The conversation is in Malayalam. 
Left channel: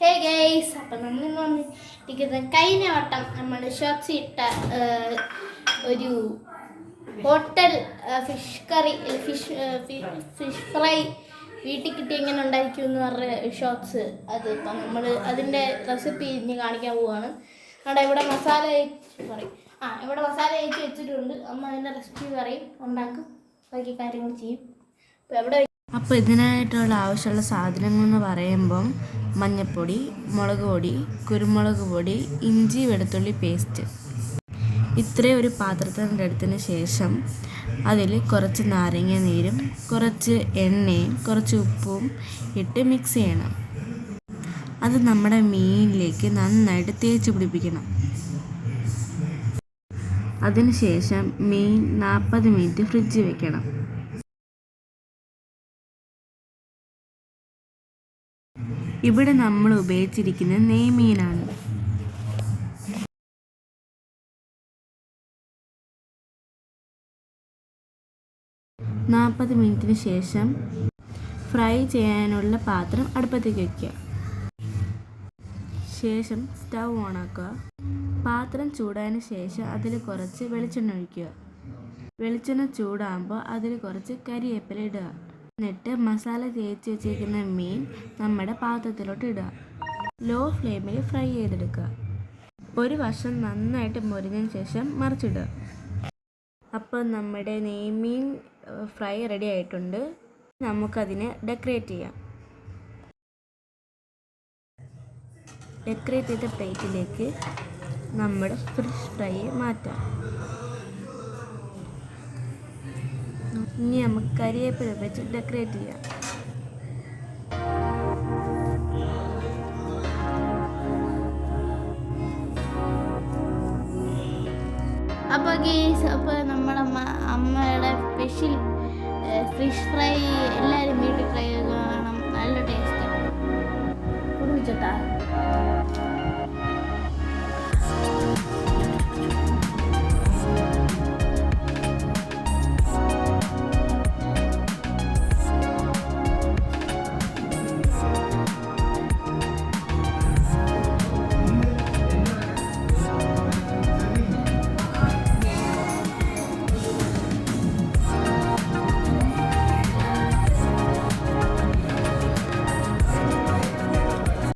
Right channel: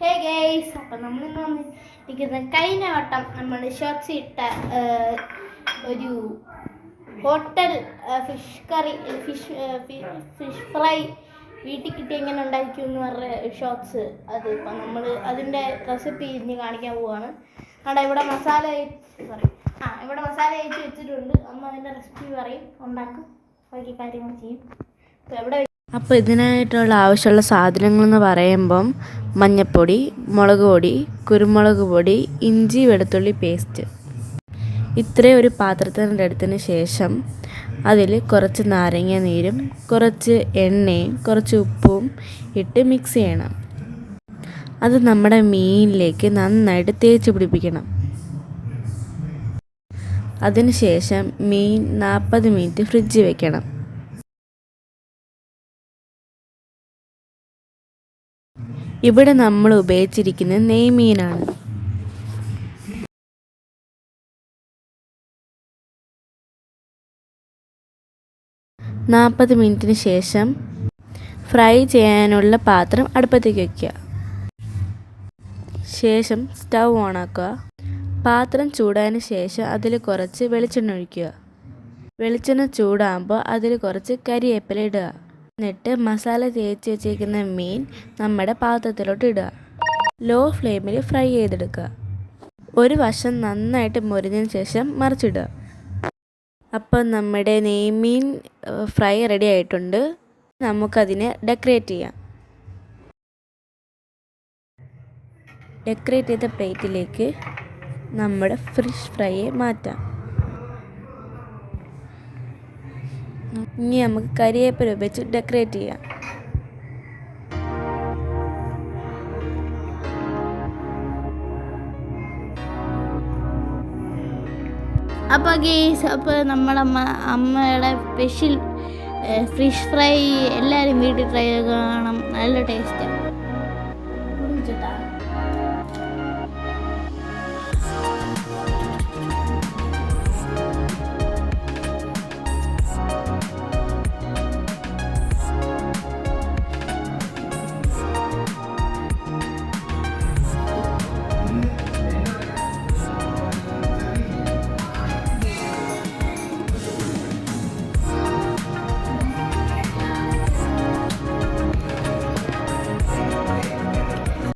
ഹേ ഗൈസ്, അപ്പം നമ്മളിന്ന് വന്നിരിക്കുന്നത് കഴിഞ്ഞ വട്ടം നമ്മൾ ഷോർട്സ് ഇട്ട ഒരു hotel fish curry fish fry വീട്ടിൽ കിട്ടി എങ്ങനെ ഉണ്ടായിരിക്കും എന്ന് പറഞ്ഞ ഷോർട്സ്. അത് ഇപ്പം നമ്മൾ അതിൻ്റെ റെസിപ്പി ഇനി കാണിക്കാൻ പോവുകയാണ്. അവിടെ ഇവിടെ മസാല ഇവിടെ മസാല തേച്ച് വെച്ചിട്ടുണ്ട്. അമ്മ അതിൻ്റെ റെസിപ്പി പറയും, ഉണ്ടാക്കും, ബാക്കി കാര്യങ്ങൾ ചെയ്യും. അപ്പോൾ ഇതിനായിട്ടുള്ള ആവശ്യമുള്ള സാധനങ്ങളെന്ന് പറയുമ്പം മഞ്ഞൾപ്പൊടി, മുളക് പൊടി, കുരുമുളക് പൊടി, ഇഞ്ചി വെളുത്തുള്ളി പേസ്റ്റ്. ഇത്രയും ഒരു പാത്രത്തിനെടുത്തതിന് ശേഷം അതിൽ കുറച്ച് നാരങ്ങ നീരും കുറച്ച് എണ്ണയും കുറച്ച് ഉപ്പും ഇട്ട് മിക്സ് ചെയ്യണം. അത് നമ്മുടെ മീനിലേക്ക് നന്നായിട്ട് തേച്ച് പിടിപ്പിക്കണം. അതിനുശേഷം മീൻ 40 മിനിറ്റ് ഫ്രിഡ്ജിൽ വെക്കണം. ഇവിടെ നമ്മൾ ഉപയോഗിച്ചിരിക്കുന്നത് നെയ്മീനാണ്. നാൽപ്പത് മിനിറ്റിന് ശേഷം ഫ്രൈ ചെയ്യാനുള്ള പാത്രം അടുപ്പത്തേക്ക് വയ്ക്കുക. ശേഷം സ്റ്റൗ ഓണാക്കുക. പാത്രം ചൂടായതിന് ശേഷം അതിൽ കുറച്ച് വെളിച്ചെണ്ണ ഒഴിക്കുക. വെളിച്ചെണ്ണ ചൂടാകുമ്പോൾ അതിൽ കുറച്ച് കരിവേപ്പില ഇടുക. എന്നിട്ട് മസാല തേച്ച് വെച്ചിരിക്കുന്ന മീൻ നമ്മുടെ പാത്രത്തിലോട്ട് ഇടുക. ലോ ഫ്ലെയിമിൽ ഫ്രൈ ചെയ്തെടുക്കുക. ഒരു വശം നന്നായിട്ട് മുരിഞ്ഞതിന് ശേഷം മറിച്ചിടുക. അപ്പോൾ നമ്മുടെ നെയ്മീൻ ഫ്രൈ റെഡി ആയിട്ടുണ്ട്. നമുക്കതിനെ ഡെക്കറേറ്റ് ചെയ്യാം. ഡെക്കറേറ്റ് ചെയ്ത പ്ലേറ്റിലേക്ക് നമ്മുടെ ഫിഷ് ഫ്രൈയെ മാറ്റാം. ഇനി നമുക്ക് കരിവേപ്പില വെച്ച് ഡെക്കറേറ്റ് ചെയ്യാം. അപ്പോൾ ഗീസ്, അപ്പോൾ നമ്മുടെ അമ്മയുടെ സ്പെഷ്യൽ ഫിഷ് ഫ്രൈ എല്ലാവരും വീട്ടിൽ ട്രൈ ചെയ്ത് കാണണം. നല്ല ടേസ്റ്റാണ്. കുടിച്ചിട്ടാ